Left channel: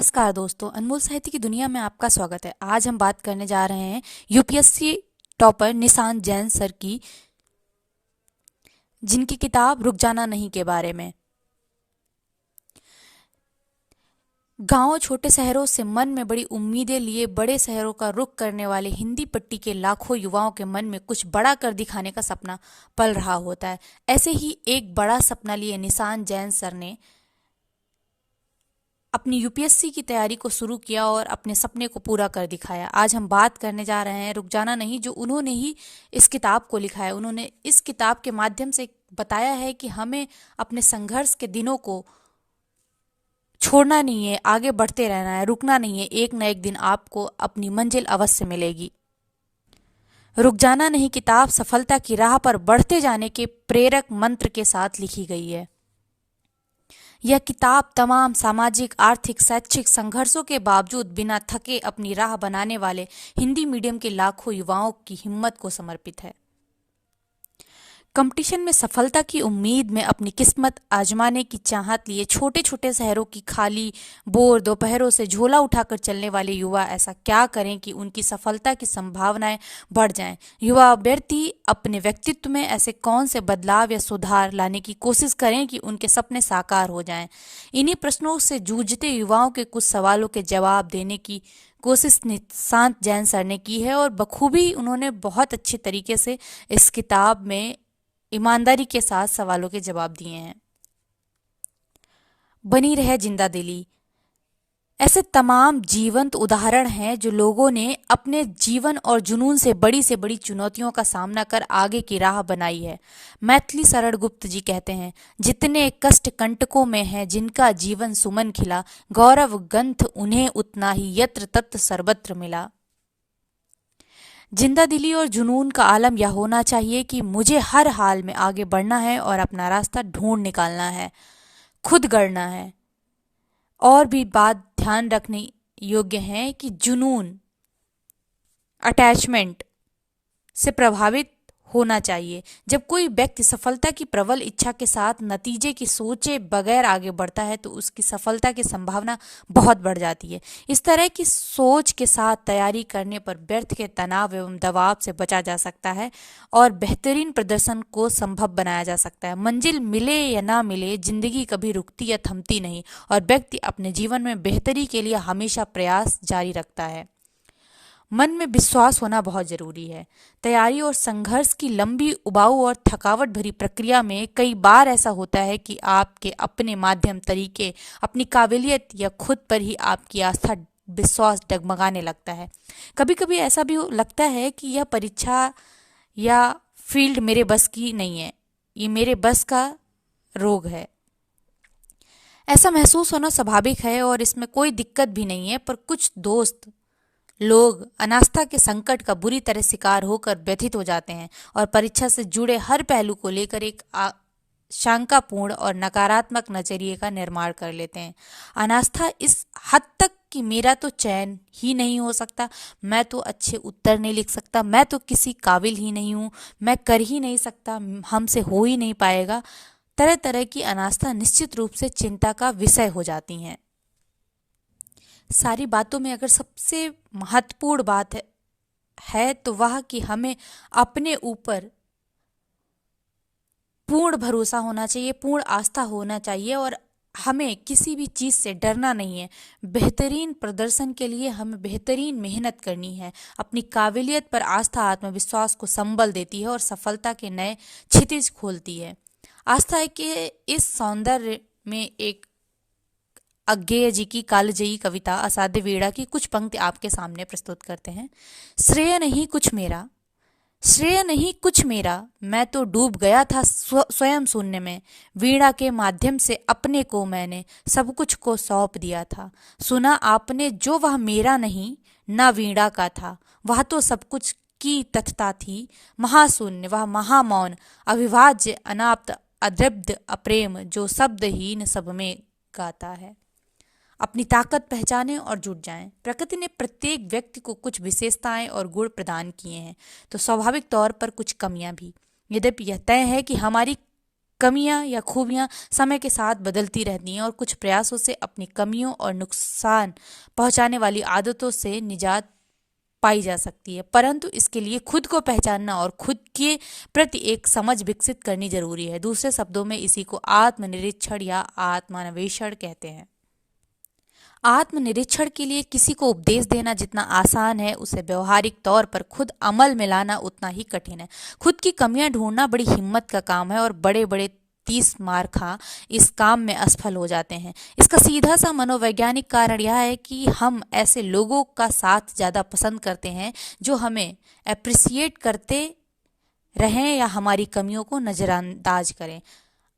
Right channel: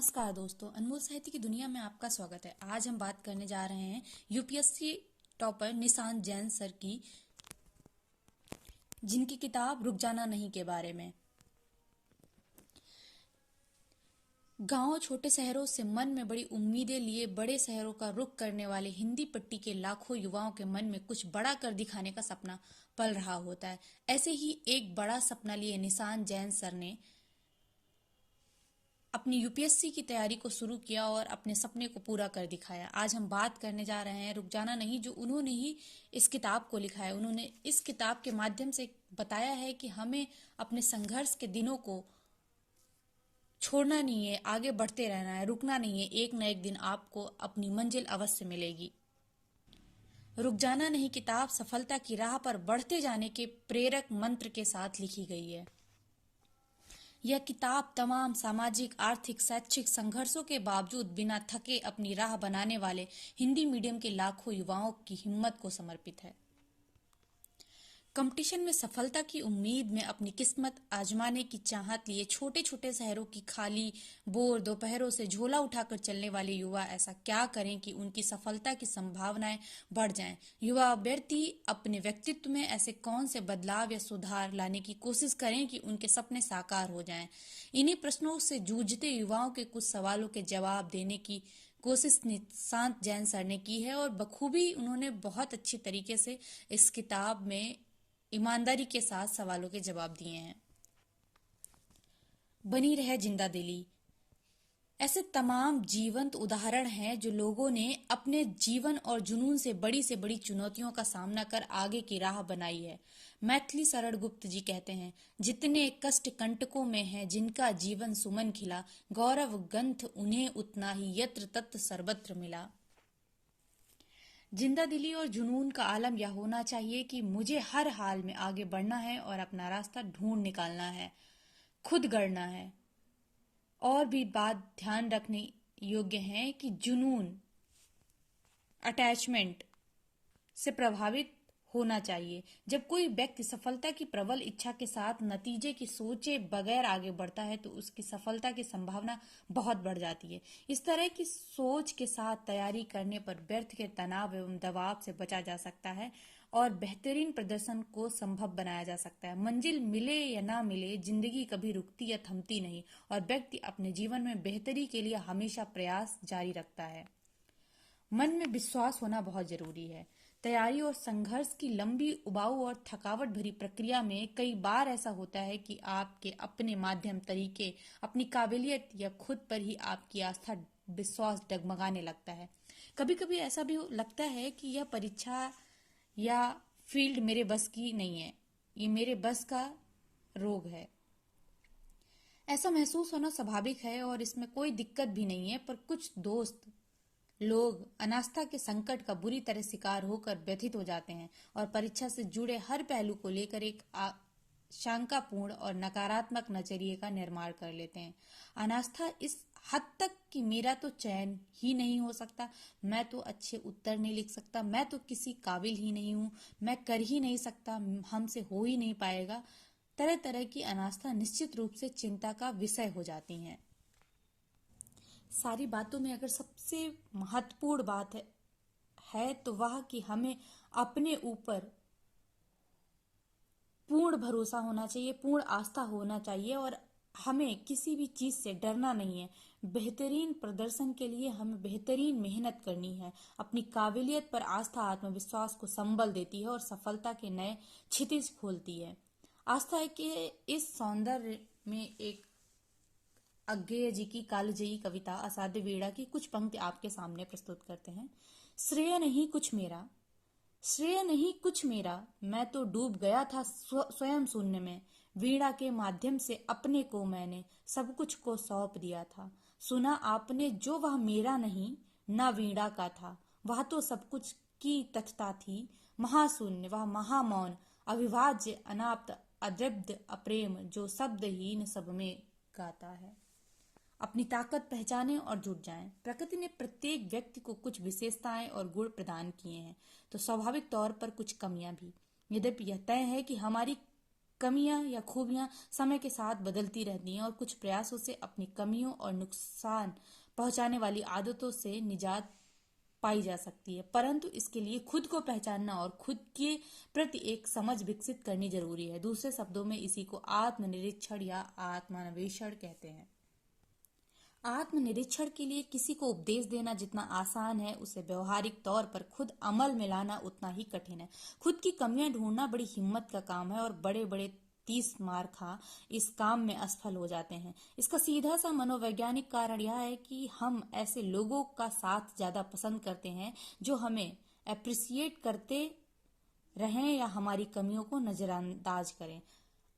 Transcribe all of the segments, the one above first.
नमस्कार दोस्तों, अनमोल साहित्य की दुनिया में आपका स्वागत है। आज हम बात करने जा रहे हैं UPSC topper Nishant Jain sir की, जिनकी किताब रुक जाना नहीं के बारे में। गांव छोटे शहरों से मन में बड़ी उम्मीदें लिए बड़े शहरों का रुख करने वाले हिंदी पट्टी के लाखों युवाओं के मन में कुछ बड़ा कर दिखाने का सपना पल रहा होता है। ऐसे ही एक बड़ा सपना लिए निशांत जैन सर ने अपनी यूपीएससी की तैयारी को शुरू किया और अपने सपने को पूरा कर दिखाया। आज हम बात करने जा रहे हैं रुक जाना नहीं, जो उन्होंने ही इस किताब को लिखा है। उन्होंने इस किताब के माध्यम से बताया है कि हमें अपने संघर्ष के दिनों को छोड़ना नहीं है, आगे बढ़ते रहना है, रुकना नहीं है। एक न एक दिन आपको अपनी मंजिल अवश्य मिलेगी। रुक जाना नहीं किताब सफलता की राह पर बढ़ते जाने के प्रेरक मंत्र के साथ लिखी गई है। यह किताब तमाम सामाजिक, आर्थिक, शैक्षिक संघर्षों के बावजूद बिना थके अपनी राह बनाने वाले हिंदी मीडियम के लाखों युवाओं की हिम्मत को समर्पित है। कंपटीशन में सफलता की उम्मीद में अपनी किस्मत आजमाने की चाहत लिए छोटे छोटे शहरों की खाली बोर दोपहरों से झोला उठाकर चलने वाले युवा ऐसा क्या करें कि उनकी सफलता की संभावनाएं बढ़ जाएं। युवा अभ्यर्थी अपने व्यक्तित्व में ऐसे कौन से बदलाव या सुधार लाने की कोशिश करें कि उनके सपने साकार हो जाएं। इन्हीं प्रश्नों से जूझते युवाओं के कुछ सवालों के जवाब देने की कोशिश निशांत जैन सर ने की है, और बखूबी उन्होंने बहुत अच्छे तरीके से इस किताब में ईमानदारी के साथ सवालों के जवाब दिए हैं। बनी रहे जिंदा दिली। ऐसे तमाम जीवंत उदाहरण हैं जो लोगों ने अपने जीवन और जुनून से बड़ी चुनौतियों का सामना कर आगे की राह बनाई है। मैथिली शरण गुप्त जी कहते हैं, जितने कष्ट कंटकों में हैं जिनका जीवन सुमन खिला, गौरव गंथ उन्हें उतना ही यत्र तत्र सर्वत्र मिला। जिंदा दिली और जुनून का आलम यह होना चाहिए कि मुझे हर हाल में आगे बढ़ना है और अपना रास्ता ढूंढ निकालना है, खुद गढ़ना है। और भी बात ध्यान रखने योग्य है कि जुनून अटैचमेंट से प्रभावित होना चाहिए। जब कोई व्यक्ति सफलता की प्रबल इच्छा के साथ नतीजे की सोचे बगैर आगे बढ़ता है तो उसकी सफलता की संभावना बहुत बढ़ जाती है। इस तरह की सोच के साथ तैयारी करने पर व्यर्थ के तनाव एवं दबाव से बचा जा सकता है और बेहतरीन प्रदर्शन को संभव बनाया जा सकता है। मंजिल मिले या ना मिले, जिंदगी कभी रुकती या थमती नहीं और व्यक्ति अपने जीवन में बेहतरी के लिए हमेशा प्रयास जारी रखता है। मन में विश्वास होना बहुत जरूरी है। तैयारी और संघर्ष की लंबी, उबाऊ और थकावट भरी प्रक्रिया में कई बार ऐसा होता है कि आपके अपने माध्यम, तरीके, अपनी काबिलियत या खुद पर ही आपकी आस्था, विश्वास डगमगाने लगता है। कभी कभी ऐसा भी लगता है कि यह परीक्षा या फील्ड मेरे बस की नहीं है, ये मेरे बस का रोग है। ऐसा महसूस होना स्वाभाविक है और इसमें कोई दिक्कत भी नहीं है, पर कुछ दोस्त लोग अनास्था के संकट का बुरी तरह शिकार होकर व्यथित हो जाते हैं और परीक्षा से जुड़े हर पहलू को लेकर एक शंकापूर्ण और नकारात्मक नजरिए का निर्माण कर लेते हैं। अनास्था इस हद तक कि मेरा तो चयन ही नहीं हो सकता, मैं तो अच्छे उत्तर नहीं लिख सकता, मैं तो किसी काबिल ही नहीं हूँ, मैं कर ही नहीं सकता, हमसे हो ही नहीं पाएगा। तरह तरह की अनास्था निश्चित रूप से चिंता का विषय हो जाती हैं। सारी बातों में अगर सबसे महत्वपूर्ण बात है तो वह कि हमें अपने ऊपर पूर्ण भरोसा होना चाहिए, पूर्ण आस्था होना चाहिए और हमें किसी भी चीज़ से डरना नहीं है। बेहतरीन प्रदर्शन के लिए हमें बेहतरीन मेहनत करनी है। अपनी काबिलियत पर आस्था आत्मविश्वास को संबल देती है और सफलता के नए क्षितिज खोलती है। आस्था के इस सौंदर्य में एक अज्ञेय जी की कालजयी कविता असाध्य वीणा की कुछ पंक्ति आपके सामने प्रस्तुत करते हैं। श्रेय नहीं कुछ मेरा, श्रेय नहीं कुछ मेरा, मैं तो डूब गया था स्वयं शून्य में। वीणा के माध्यम से अपने को मैंने सब कुछ को सौंप दिया था। सुना आपने जो वह मेरा नहीं ना वीणा का था, वह तो सब कुछ की तथता थी। महाशून्य वह महामौन, अविभाज्य, अनाप्त, अद्रब्ध, अप्रेम, जो शब्दहीन सब में गाता है। अपनी ताकत पहचानें और जुट जाएं। प्रकृति ने प्रत्येक व्यक्ति को कुछ विशेषताएं और गुण प्रदान किए हैं, तो स्वाभाविक तौर पर कुछ कमियां भी। यद्यपि यह तय है कि हमारी कमियां या खूबियां समय के साथ बदलती रहती हैं और कुछ प्रयासों से अपनी कमियों और नुकसान पहुंचाने वाली आदतों से निजात पाई जा सकती है, परंतु इसके लिए खुद को पहचानना और खुद के प्रति एक समझ विकसित करनी जरूरी है। दूसरे शब्दों में इसी को आत्मनिरीक्षण या आत्मान्वेषण कहते हैं। आत्मनिरीक्षण के लिए किसी को उपदेश देना जितना आसान है, उसे व्यवहारिक तौर पर खुद अमल में लाना उतना ही कठिन है। खुद की कमियां ढूंढना बड़ी हिम्मत का काम है और बड़े बड़े 30 मार्खा इस काम में असफल हो जाते हैं। इसका सीधा सा मनोवैज्ञानिक कारण यह है कि हम ऐसे लोगों का साथ ज़्यादा पसंद करते हैं जो हमें अप्रिसिएट करते रहें या हमारी कमियों को नज़रअंदाज करें।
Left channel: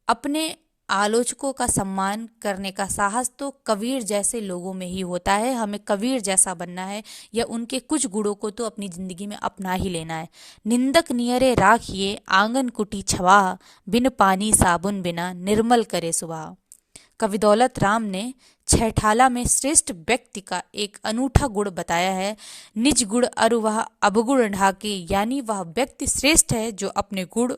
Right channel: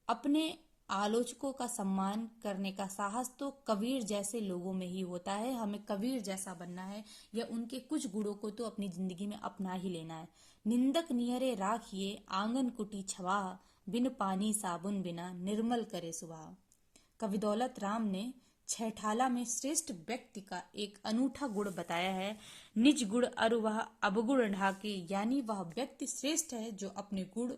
अपने आलोचकों का सम्मान करने का साहस तो कबीर जैसे लोगों में ही होता है। हमें कबीर जैसा बनना है या उनके कुछ गुणों को तो अपनी जिंदगी में अपना ही लेना है। निंदक नियरे राखिए आंगन कुटी छवा, बिन पानी साबुन बिना निर्मल करे सुबह। कवि दौलत राम ने छहठाला में श्रेष्ठ व्यक्ति का एक अनूठा गुण बताया है। निज गुण अरु वह अवगुण ढाके, यानी वह व्यक्ति श्रेष्ठ है जो अपने गुण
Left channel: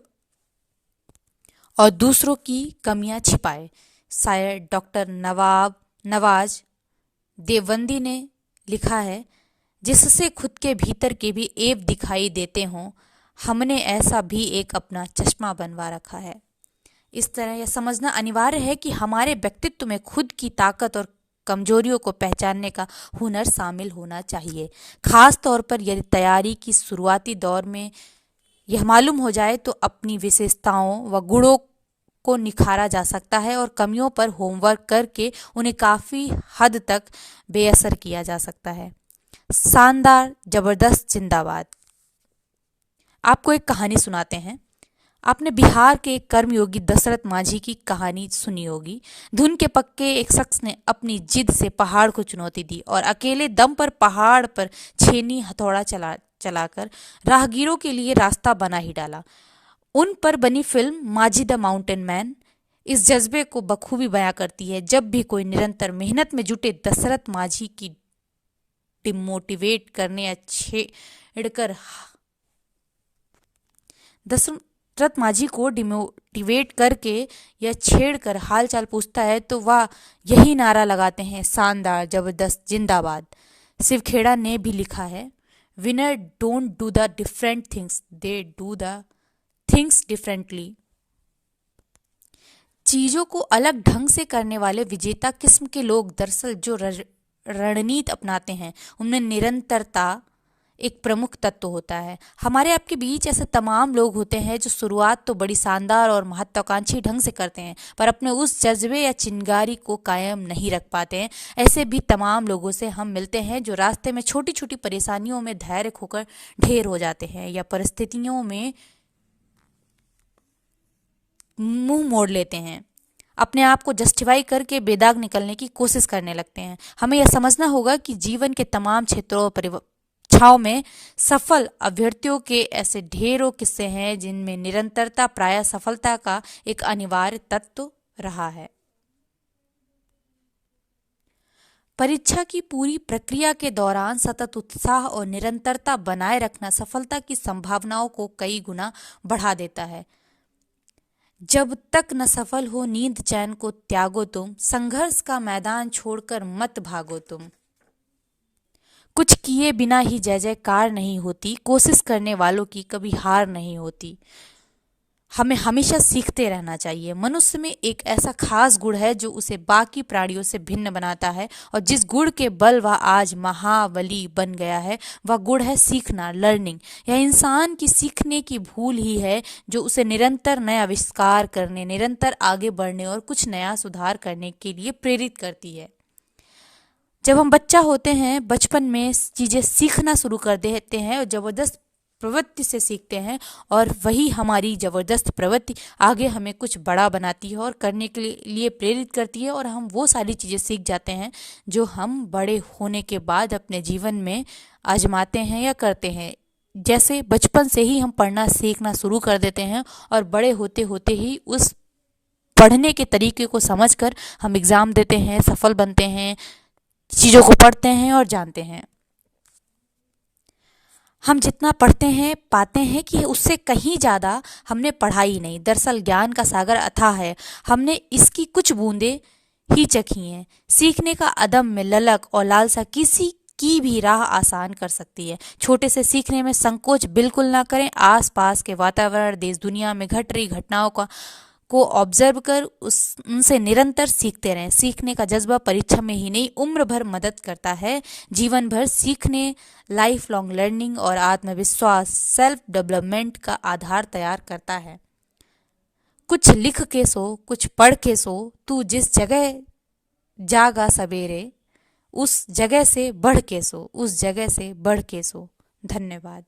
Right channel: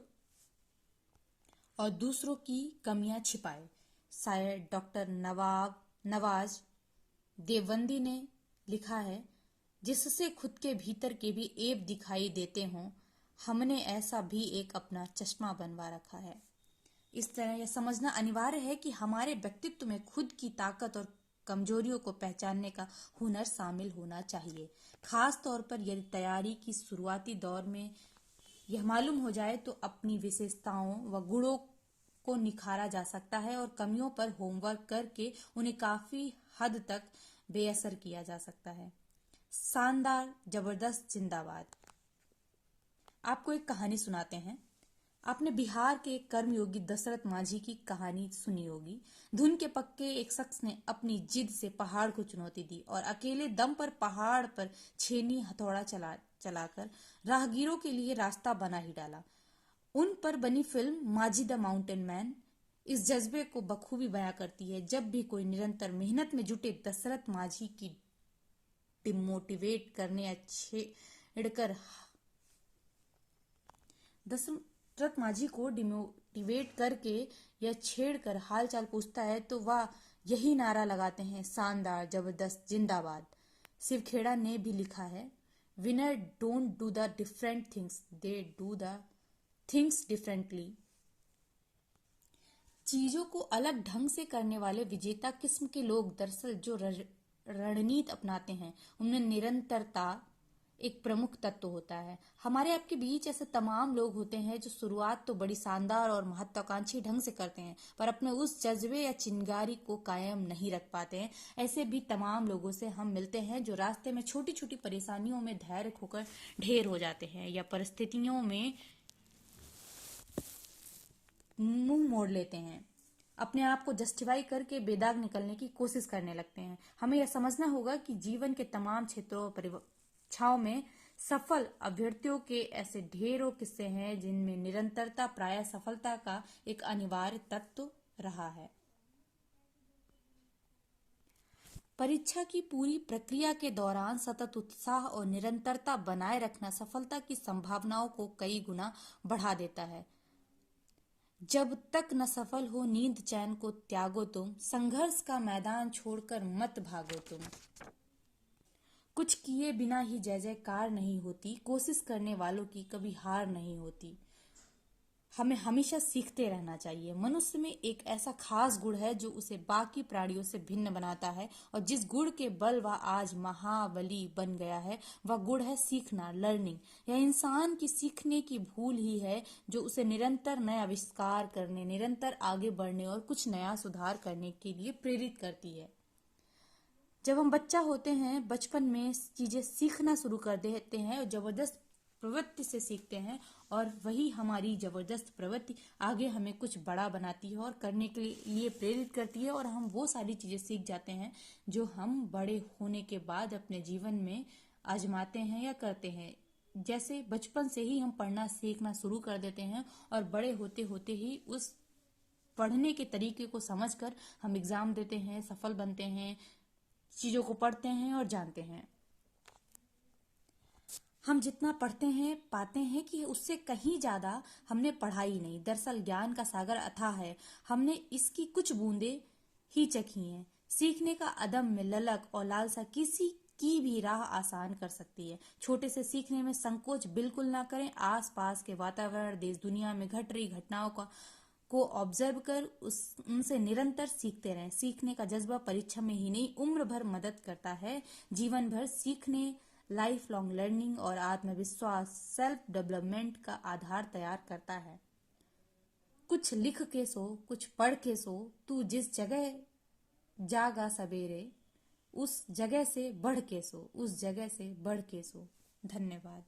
और दूसरों की कमियां छिपाए। शायर डॉक्टर नवाज देवबंदी ने लिखा है, जिससे खुद के भीतर के भी ऐब दिखाई देते हों, हमने ऐसा भी एक अपना चश्मा बनवा रखा है। इस तरह यह समझना अनिवार्य है कि हमारे व्यक्तित्व में खुद की ताकत और कमजोरियों को पहचानने का हुनर शामिल होना चाहिए। खास तौर पर यदि तैयारी की शुरुआती दौर में यह मालूम हो जाए तो अपनी विशेषताओं व गुणों को निखारा जा सकता है और कमियों पर होमवर्क करके उन्हें काफ़ी हद तक बेअसर किया जा सकता है। शानदार जबरदस्त जिंदाबाद। आपको एक कहानी सुनाते हैं। आपने बिहार के एक कर्मयोगी दशरथ मांझी की कहानी सुनी होगी। धुन के पक्के एक शख्स ने अपनी जिद से पहाड़ को चुनौती दी और अकेले दम पर पहाड़ पर छेनी हथौड़ा चलाकर राहगीरों के लिए रास्ता बना ही डाला। उन पर बनी film Manjhi the mountain man इस जज्बे को बखूबी बयां करती है। जब भी कोई निरंतर मेहनत में जुटे दशरथ मांझी की डिमोटिवेट करने या छेड़कर दशरथ मांझी को डिमोटिवेट करके या छेड़कर हालचाल पूछता है तो वह यही नारा लगाते हैं, शानदार जबरदस्त जिंदाबाद। शिव खेड़ा ने भी लिखा है, winner don't do the different things, they do the things differently. चीजों को अलग ढंग से करने वाले विजेता किस्म के लोग दरअसल जो रणनीति अपनाते हैं उनमें निरंतरता एक प्रमुख तत्व होता है। हमारे आपके बीच ऐसे तमाम लोग होते हैं जो शुरुआत तो बड़ी शानदार और महत्वाकांक्षी ढंग से करते हैं पर अपने उस जज्बे या चिंगारी को कायम नहीं रख पाते हैं। ऐसे भी तमाम लोगों से हम मिलते हैं जो रास्ते में छोटी छोटी परेशानियों में धैर्य खोकर ढेर हो जाते हैं या परिस्थितियों में मुंह मोड़ लेते हैं, अपने आप को जस्टिफाई करके बेदाग निकलने की कोशिश करने लगते हैं। हमें यह समझना होगा कि जीवन के तमाम क्षेत्रों और परीक्षाओं में सफल अभ्यर्थियों के ऐसे ढेरों किस्से हैं जिनमें निरंतरता प्रायः सफलता का एक अनिवार्य तत्व रहा है। परीक्षा की पूरी प्रक्रिया के दौरान सतत उत्साह और निरंतरता बनाए रखना सफलता की संभावनाओं को कई गुना बढ़ा देता है। जब तक न सफल हो नींद चैन को त्यागो तुम, संघर्ष का मैदान छोड़कर मत भागो तुम। कुछ किए बिना ही जय जयकार नहीं होती, कोशिश करने वालों की कभी हार नहीं होती। हमें हमेशा सीखते रहना चाहिए। मनुष्य में एक ऐसा खास गुण है जो उसे बाकी प्राणियों से भिन्न बनाता है और जिस गुण के बल वह आज महाबली बन गया है वह गुण है सीखना, लर्निंग। यह इंसान की सीखने की भूल ही है जो उसे निरंतर नया आविष्कार करने, निरंतर आगे बढ़ने और कुछ नया सुधार करने के लिए प्रेरित करती है। जब हम बच्चा होते हैं बचपन में चीज़ें सीखना शुरू कर देते हैं और ज़बरदस्त प्रवृत्ति से सीखते हैं और वही हमारी ज़बरदस्त प्रवृत्ति आगे हमें कुछ बड़ा बनाती है और करने के लिए प्रेरित करती है और हम वो सारी चीज़ें सीख जाते हैं जो हम बड़े होने के बाद अपने जीवन में आजमाते हैं या करते हैं। जैसे बचपन से ही हम पढ़ना सीखना शुरू कर देते हैं और बड़े होते होते ही उस पढ़ने के तरीके को समझकर हम एग्ज़ाम देते हैं, सफल बनते हैं, चीज़ों को पढ़ते हैं और जानते हैं। हम जितना पढ़ते हैं पाते हैं कि उससे कहीं ज़्यादा हमने पढ़ा ही नहीं। दरअसल ज्ञान का सागर अथाह है, हमने इसकी कुछ बूंदें ही चखी हैं। सीखने का अदम्य ललक और लालसा किसी की भी राह आसान कर सकती है। छोटे से सीखने में संकोच बिल्कुल ना करें। आसपास के वातावरण, देश दुनिया में घट रही घटनाओं को ऑब्जर्व कर उनसे निरंतर सीखते रहें। सीखने का जज्बा परीक्षा में ही नहीं, उम्र भर मदद करता है। जीवन भर सीखने, लाइफ लॉन्ग लर्निंग और आत्मविश्वास, सेल्फ डेवलपमेंट का आधार तैयार करता है। कुछ लिख के सो, कुछ पढ़ के सो, तू जिस जगह जागा सवेरे, उस जगह से बढ़ के सो, उस जगह से बढ़ के सो। धन्यवाद।